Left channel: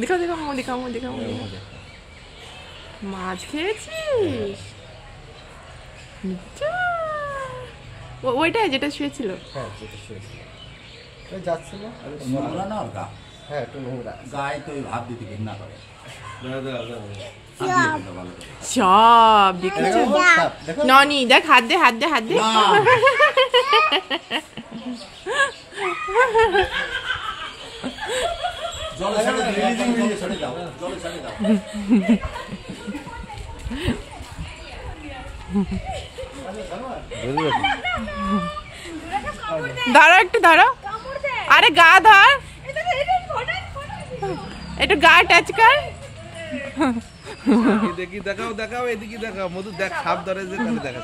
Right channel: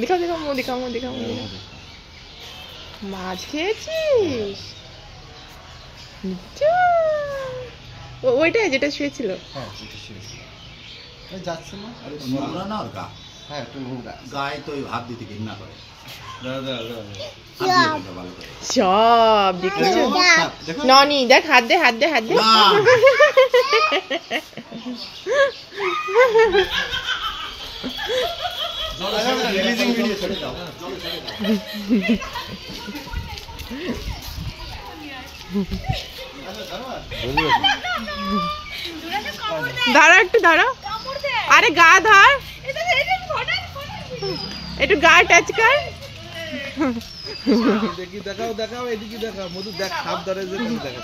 দেখাও দেখাও মুখ দেখাও মুখ দেখাও মুখ দেখাও। মাছ খেয়েছিস? যা। ওইটাই যেটা শুয়েছিল? হ্যাঁ যেটা শুয়েছিল। যাচ্ছে না নোংরা না ওর গা। হ্যাঁ একটু নোংরা গায়ে তো ভাব দিতে ঘৃণা করে। সব দেখেছো? ননি দেখ হাত দে হাত দে হাত দে। দাঁড়া একটু দাঁড়া। আরে গা ধর একটু গা টাচ কর। দেখি দেখাও দেখাও এদিকে দেখাও মধু দেখ সাপ ধরে যে দেখা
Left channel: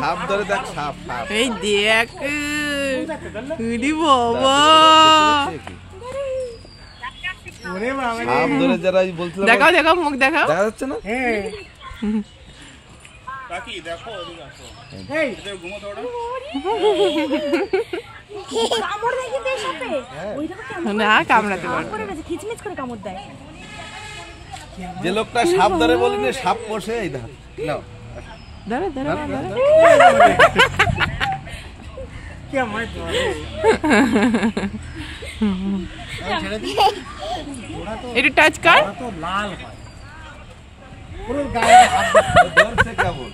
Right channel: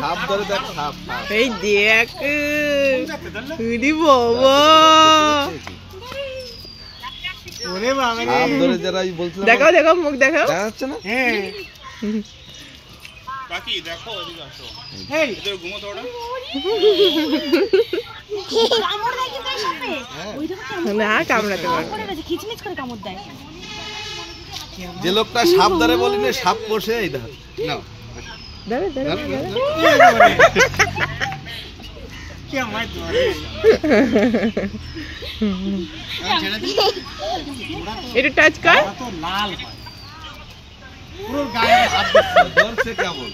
সাপ ধরে দেখ সাপ এই দেখ উরি বাবা ওরে বাবা রে সাপ ধরে যারা বলছিলাম দেখাও দেখাও মুখ দেখাও। দেখা যাচ্ছে না? হ্যাঁ কাকি দেখো ওদিকে আসো। এই এদের ঘুমোতো ওটা কামড় দেয় কিন্তু এই সাপে ওইটা কেমন না কামড়াতে পারবে করে গেছে খিচমিচ করে কামড় দেয়। যে লোকটা সাপ ধরে বলিনি সাপ পোষে এই ধর নাও ধরে ধরে কি আমার ধরে একটু টাচ কর। তো লাল হয় পুরো গায়ে হাত ধরছে কেমন?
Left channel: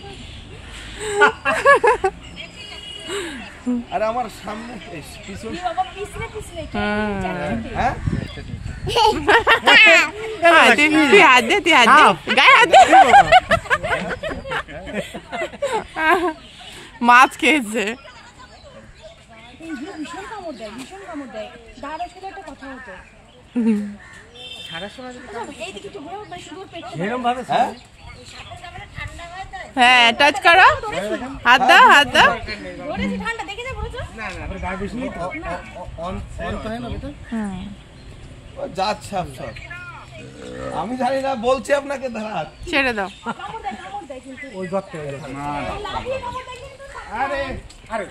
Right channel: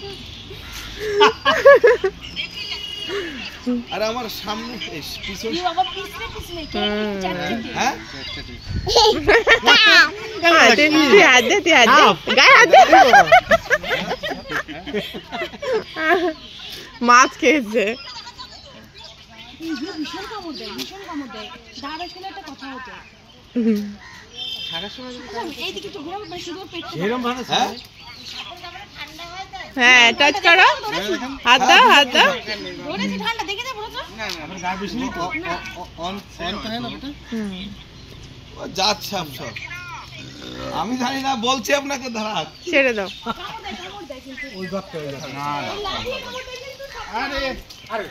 আরে আমার সামনে পিছন কি বাবা পিছনে পিছনে কে চাটচাটে হ্যাঁ তুই হাত দে তুই হাত দে গায়ে হাত দে। মাছ খেয়েছে। ভীষণ কামড় দেয় ভীষণ কামড় দেয়। দাঁড়ার সাথে একটা কথা হতো এইদিকে তো ঘুরে বেশি দূর পেট এরকম ভালো হ্যাঁ হ্যাঁ টাচ করো হাত দাও হাত দাও। ধরেছে ঠান্ডা দেখে যা বলো তো আমার গা বেশি নেই তো অন করে না বেটা ও জাত সাপ সব আমি জানি না বলছি আপনাকে ধরা ছেড়ে দাও। কামড় দেয় কিন্তু ওই গর্তে ওই গর্তে না লাগিয়ে কামড় দেয় কিন্তু আরে আরে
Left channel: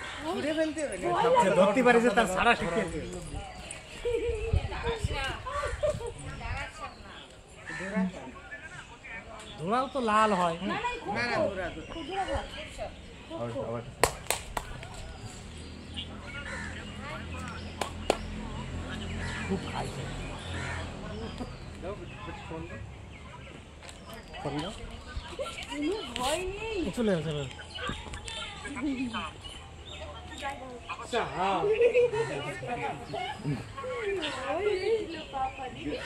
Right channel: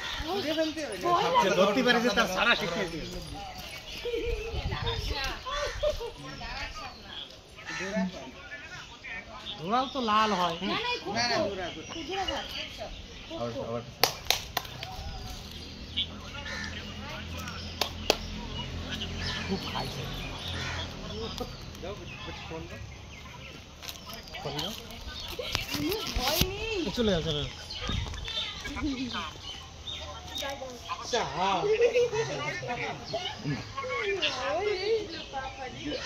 সে ধরতে পারে যে তার সারা শিখে ধোড়াও তো লাল হয় না না খুব খাইছে ভয় নেই চলে যাও চলে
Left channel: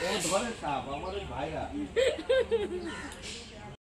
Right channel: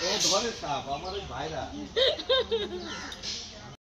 ও ধরে সাপ আমার ভাইরা